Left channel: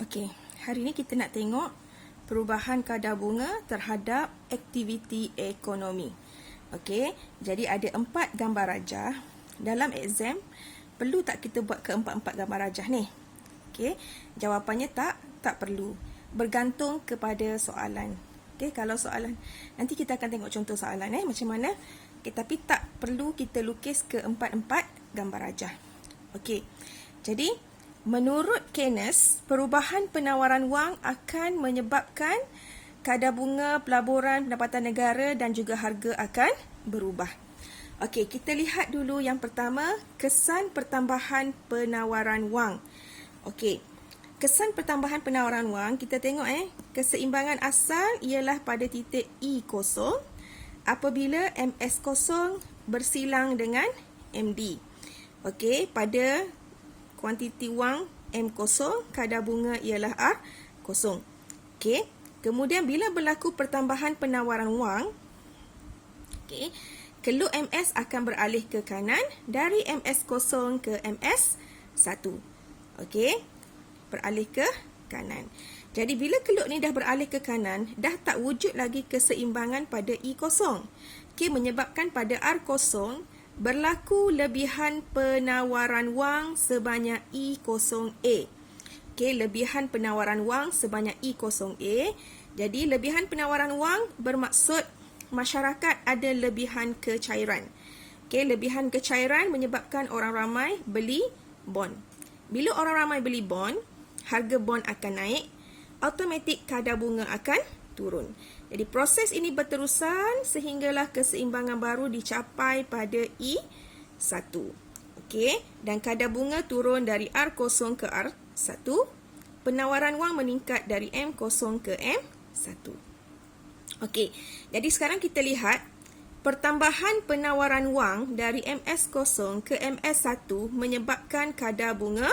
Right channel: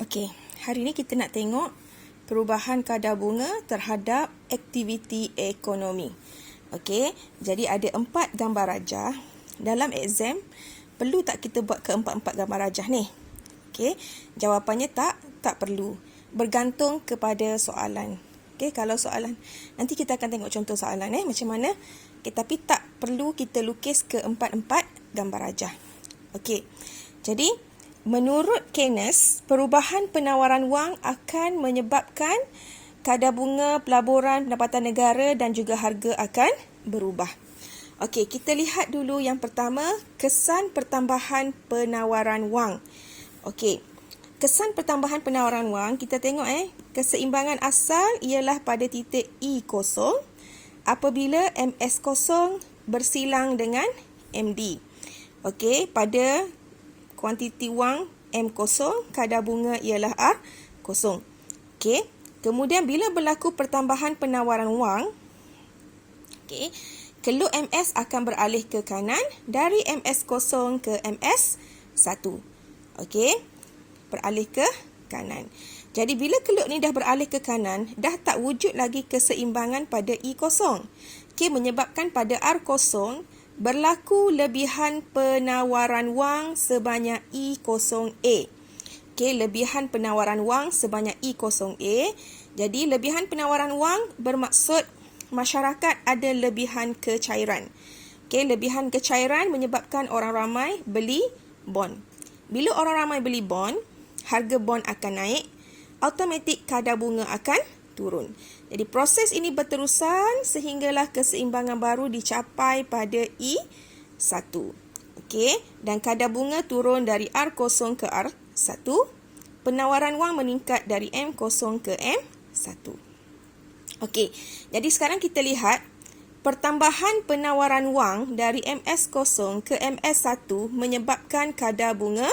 Okey, hari ni kita nak tengok perubahan kadar bunga terhadap aktiviti ekonomi. Okey, jadi ada 4 gambar rajah. Dalam exam, perlu tak kita buat keempat-empat gambar rajah ni? Okey, jawapannya tak perlu. Bergantung kepada soalan. Okey, kalau soalan, nanti kita akan tengok contoh soalan macam mana. Okay, tapi tak perlu kita lukis keempat-empat gambar rajah. Okey, jadi menurut Keynes, perubahan penawaran wang akan menyebabkan kadar bunga, pelaburan, pendapatan negara dan juga harga akan berubah. Okey, kita lihat dulu yang pertama, kesan pertambahan penawaran wang. Okey, kesan pertambahan penawaran wang, kita tengok keseimbangan asal ialah pada titik E0 apabila MS0 bersilang dengan MD. Okey, pada kuantiti wang M0, kadar bunga ialah R0. Okey, kemudian bila berlaku pertambahan penawaran wang, okey, keluk MS akan beralih ke kanan dari MS0 ke MS1. Okey, beralih ke kanan. Jadi bila keluk ni dah beralih ke kanan, dah tak wujud lagi keseimbangan pada E0. Okey, menyebabkan pada R0 berlaku lebihan penawaran wang sebanyak E0A. Okey, lebihan penawaran wang sebanyak E0A. Jadi lebihan penawaran wang bermaksud masyarakat ada lebihan kecairan. Okey, lebihan kecairan menyebabkan orang ramai beli bond. Bila orang ramai beli bond, harga bond akan naik, automatik kadar bunga akan turun. Jadi proses ini berterusan sehinggalah keseimbangan baru dicapai pada E1. Okey, dan kadar bunga turun dari R0 ke R1. Penawaran wang meningkat dari M0 ke M1. Okey, jadi sekarang kita lihat pertambahan penawaran wang dari MS0 ke MS1 menyebabkan kadar bunga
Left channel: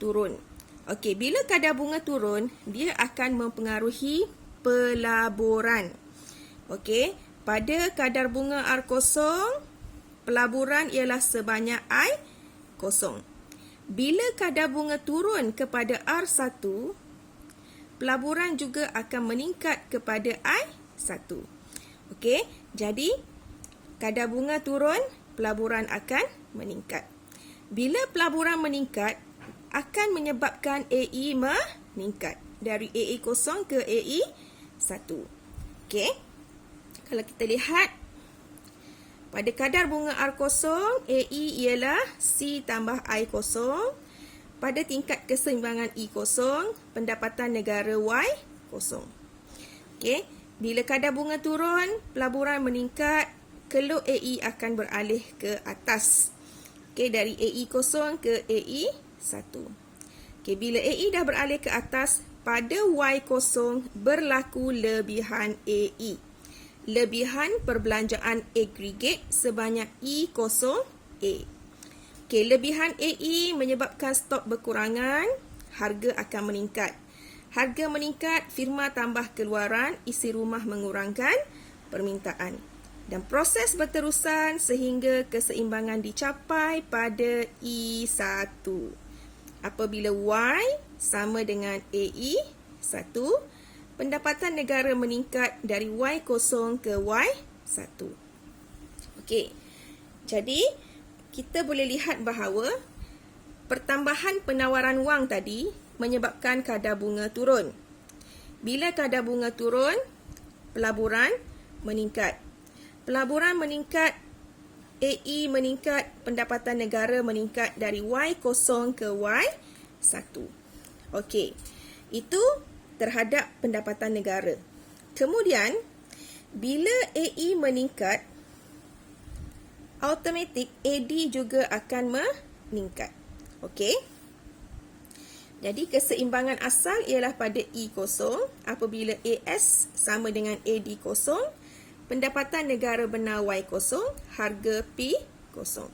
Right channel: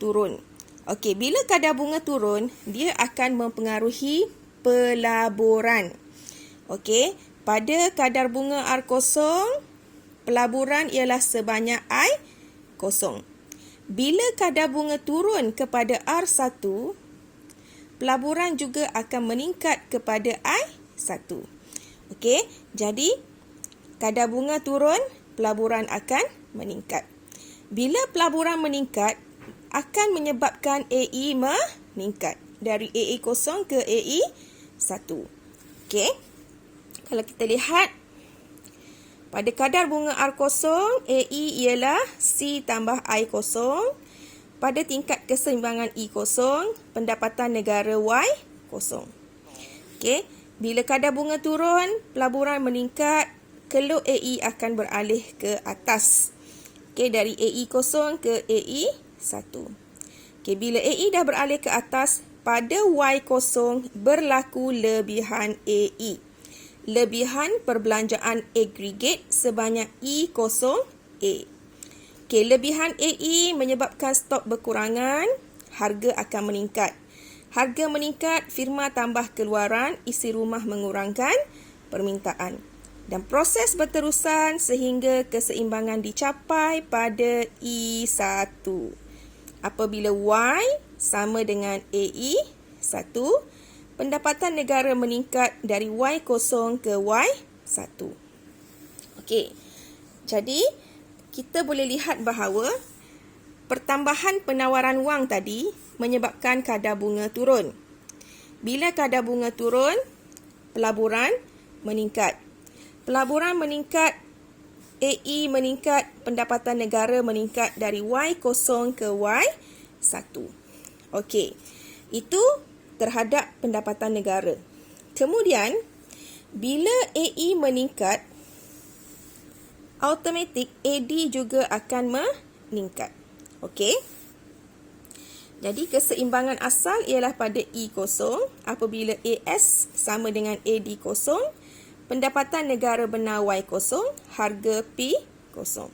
turun. Okey, bila kadar bunga turun, dia akan mempengaruhi pelaburan. Okey, pada kadar bunga R0, pelaburan ialah sebanyak I0. Bila kadar bunga turun kepada R1, pelaburan juga akan meningkat kepada I1. Okey, jadi kadar bunga turun, pelaburan akan meningkat. Bila pelaburan meningkat, akan menyebabkan AE meningkat dari AE0 ke AE1. Okey. Kalau kita lihat pada kadar bunga R0, AE ialah C tambah I0. Pada tingkat keseimbangan E0, pendapatan negara Y0. Okey. Bila kadar bunga turun, pelaburan meningkat, keluk AE akan beralih ke atas. Okey, dari AE0 ke AE1. Okey, bila AE dah beralih ke atas, pada Y0 berlaku lebihan AE. Lebihan perbelanjaan agregat sebanyak E0A. Okey, lebihan AE menyebabkan stok berkurangan, harga akan meningkat. Harga meningkat, firma tambah keluaran, isi rumah mengurangkan permintaan. Dan proses berterusan sehingga keseimbangan dicapai pada E1. Apabila Y sama dengan AE1, pendapatan negara meningkat dari Y0 ke Y1. Okey, jadi kita boleh lihat bahawa pertambahan penawaran wang tadi menyebabkan kadar bunga turun. Bila kadar bunga turun, pelaburan meningkat. Pelaburan meningkat, AE meningkat, pendapatan negara meningkat dari Y0 ke Y1. Okey, itu terhadap pendapatan negara. Kemudian, bila AE meningkat, automatik AD juga akan meningkat. Okey. Jadi, keseimbangan asal ialah pada E0 apabila AS sama dengan AD0, pendapatan negara benar Y0, harga P0.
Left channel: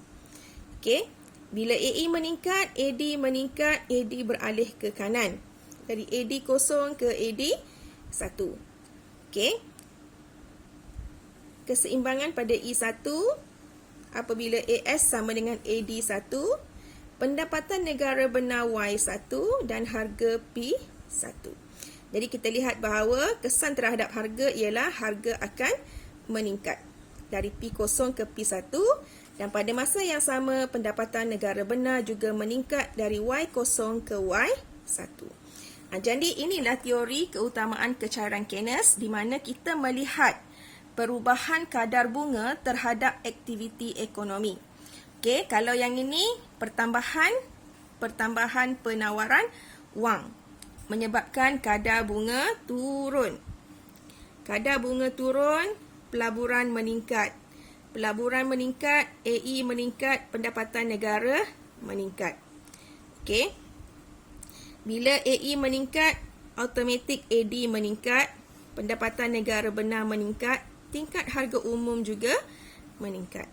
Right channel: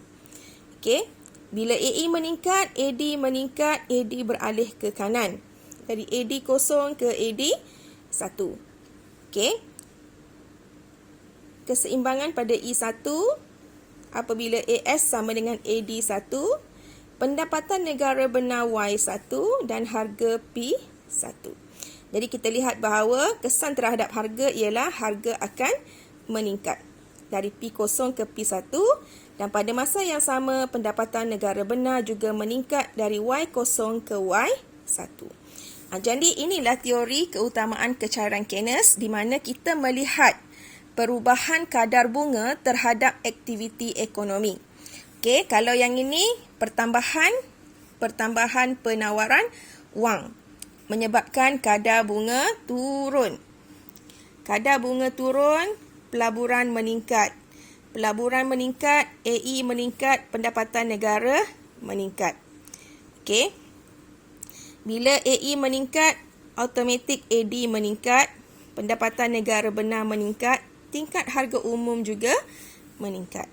Okey, bila AE meningkat, AD meningkat, AD beralih ke kanan. Dari AD0 ke AD1. Okey. Keseimbangan pada E1 apabila AS sama dengan AD1, pendapatan negara benar Y1 dan harga P1. Jadi kita lihat bahawa kesan terhadap harga ialah harga akan meningkat dari P0 ke P1 dan pada masa yang sama pendapatan negara benar juga meningkat dari Y0 ke Y1. Jadi inilah teori keutamaan kecairan Keynes di mana kita melihat perubahan kadar bunga terhadap aktiviti ekonomi. Okey, kalau yang ini pertambahan penawaran wang menyebabkan kadar bunga turun. Kadar bunga turun, pelaburan meningkat. Pelaburan meningkat, AE meningkat, pendapatan negara meningkat. Okey. Bila AE meningkat, automatik AD meningkat, pendapatan negara benar meningkat, tingkat harga umum juga meningkat.